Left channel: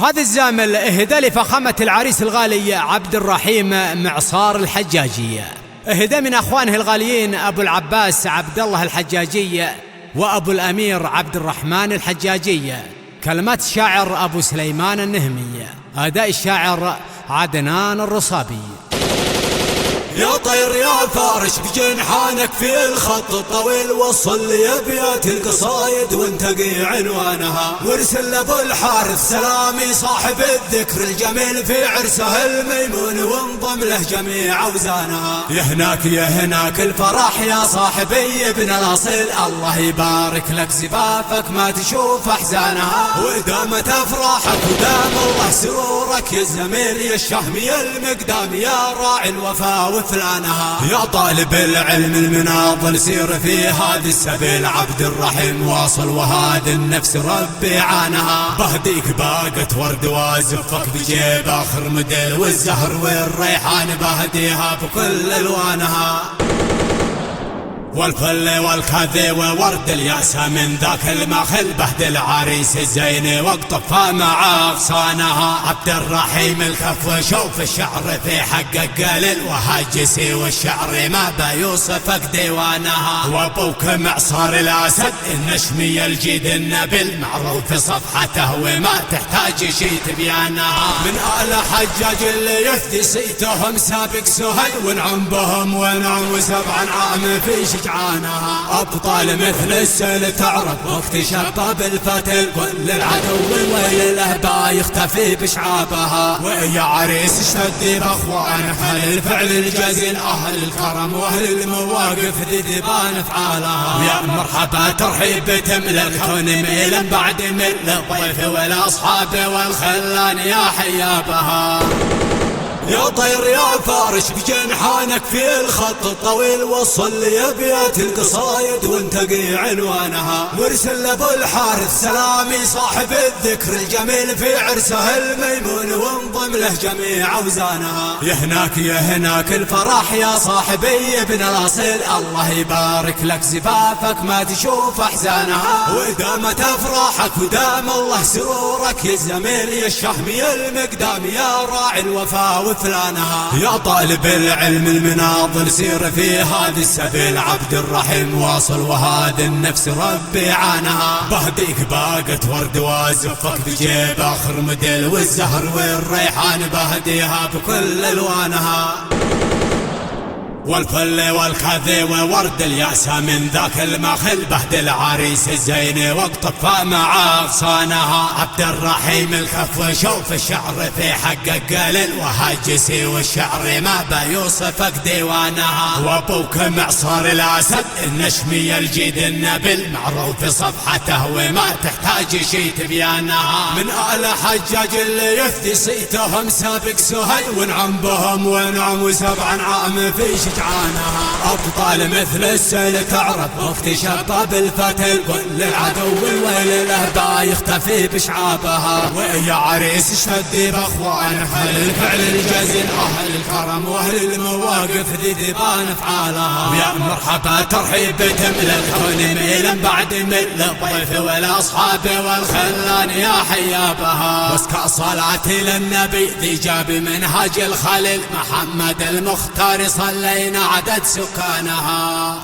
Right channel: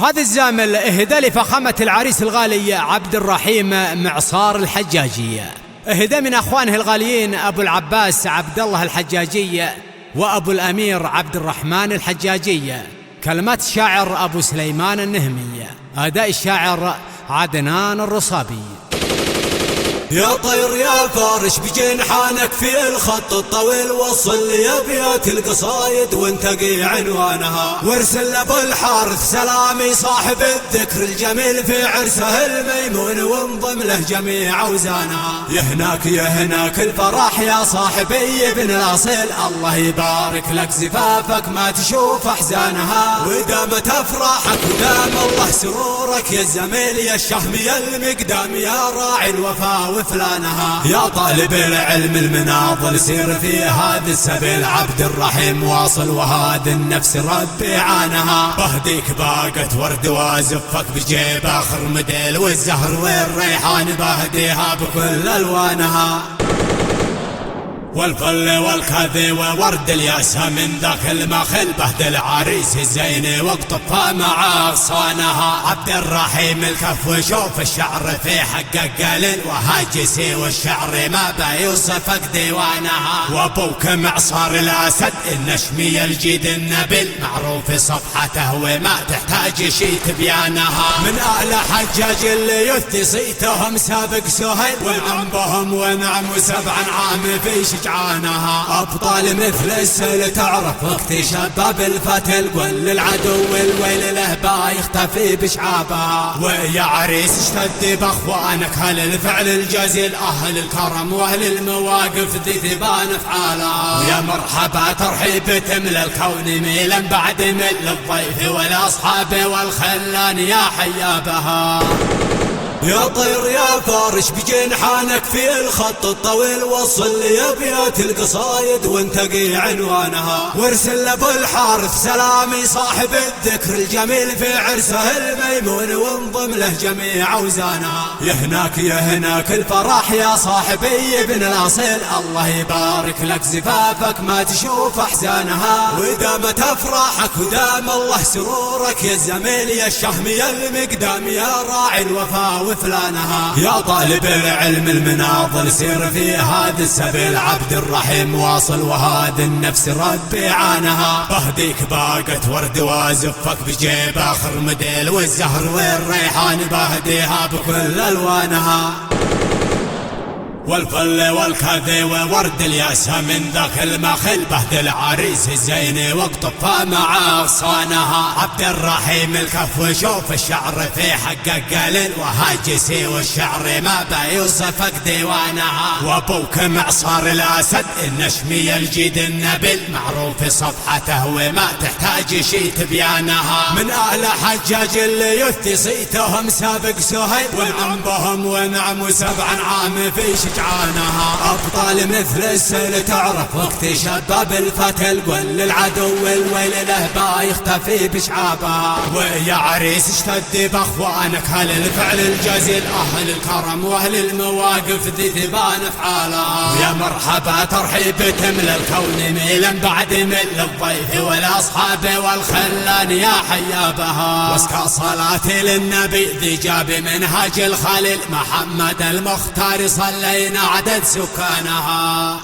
هذا الزامل اهدى لفخامة العريس الغالي عبد الرحيم معصار الحجاجي، اهدى من اخوانه الغاليين ابو العباس عبد الله الحجاجي وابو الامير عبد الرحمن الحجاجي. كلمات الشاعر ابو سليمان النهمي، اداء الشاعر عدنان الرصابي. يا طير يا فارش بجنحانك في الخط الطويل، وصل لي ابيات القصايد وانتقي عنوانها، وارسل ابو الحارث سلامي صاحب الذكر الجميل في عرسه الميمون، وانضم له جميع اوزانها. يا هناك الفرح يا صاحبي ابن الاصيل، الله يبارك لك زفافك ما تشوف احزانها، ودامت افراحك ودام الله سرورك يا الزميل يا الشهم يا المقدام يا راعي الوفا وفلانها. يا طالب العلم المناضل سير في هذا السبيل، عبد الرحيم واصل وهذا النفس ربي عانها، بهديك باقة ورد وازفك بجيب اخر مديل، والزهر والريحان بهديها بكل الوانها، والفل والكذي وورد الياسة من ذاك المخل، بهد العريس الزين واقطفها مع اغصانها. عبد الرحيم الكف وشوف الشعر في حقك قليل، وهاجسي والشعر ما بيوصفك ديوانها، وابوك معصار الاسد النشمي الجيد النبيل، معروف صفحته وما تحتاج شي تبيانها. من اهل حجاج اللي يثي صيتهم سابق سهيل، والعم بهم ونعم وسبعا عام في شجعانها. أبطال مثل السيل تعرف وقت شباب الفتل، قل للعدو الويل له با يختفي بشعابها. ويا عريس اشتدي باخوانك اهل الفعل الجزيل، اهل الكرم واهل المواقف ذي تبان افعالها. يا مرحبا ترحيب تملى الكون ميلا بعد مل الضيف والاصحاب والخلان يا حيابها. يا طير يا فارش بجنحانك في الخط الطويل، وصل لي ابيات القصايد وانتقي عنوانها، وارسل ابو الحارث سلامي صاحب الذكر الجميل في عرسه الميمون، وانضم له جميع اوزانها. يا هناك الفرح يا صاحبي ابن الاصيل، الله يبارك لك زفافك ما تشوف احزانها، ودامت افراحك ودام الله سرورك يا الزميل يا الشهم يا المقدام يا راعي الوفا وفلانها. يا طالب العلم المناضل سير في هذا السبيل، عبد الرحيم واصل وهذا النفس ربي عانها، بهديك باقة ورد وازفك بجيب اخر مديل، والزهر والريحان بهديها بكل الوانها، والفل والكذي وورد الياسة من ذاك المخل، بهد العريس الزين واقطفها مع اغصانها. عبد الرحيم الكف وشوف الشعر في حقك قليل، وهاجسي والشعر ما بيوصفك ديوانها، وابوك معصار الاسد النشمي الجيد النبيل، معروف صفحته وما تحتاج شي تبيانها. من اهل حجاج اللي يثي صيتهم سابق سهيل، والعم بهم ونعم وسبعا عام في شجعانها. أبطال مثل السيل تعرف وقت شباب الفتل، قل للعدو الويل له با يختفي بشعابها. ويا عريس اشتدي باخوانك اهل الفعل الجزيل، اهل الكرم واهل المواقف ذي تبان افعالها. يا مرحبا ترحيب تملى الكون ميلا بعد مل الضيف والاصحاب والخلان يا حيابها. واسكى صلاتي للنبي ذي جاب منهج الخليل، محمد المختار صلينا عدد سكانها.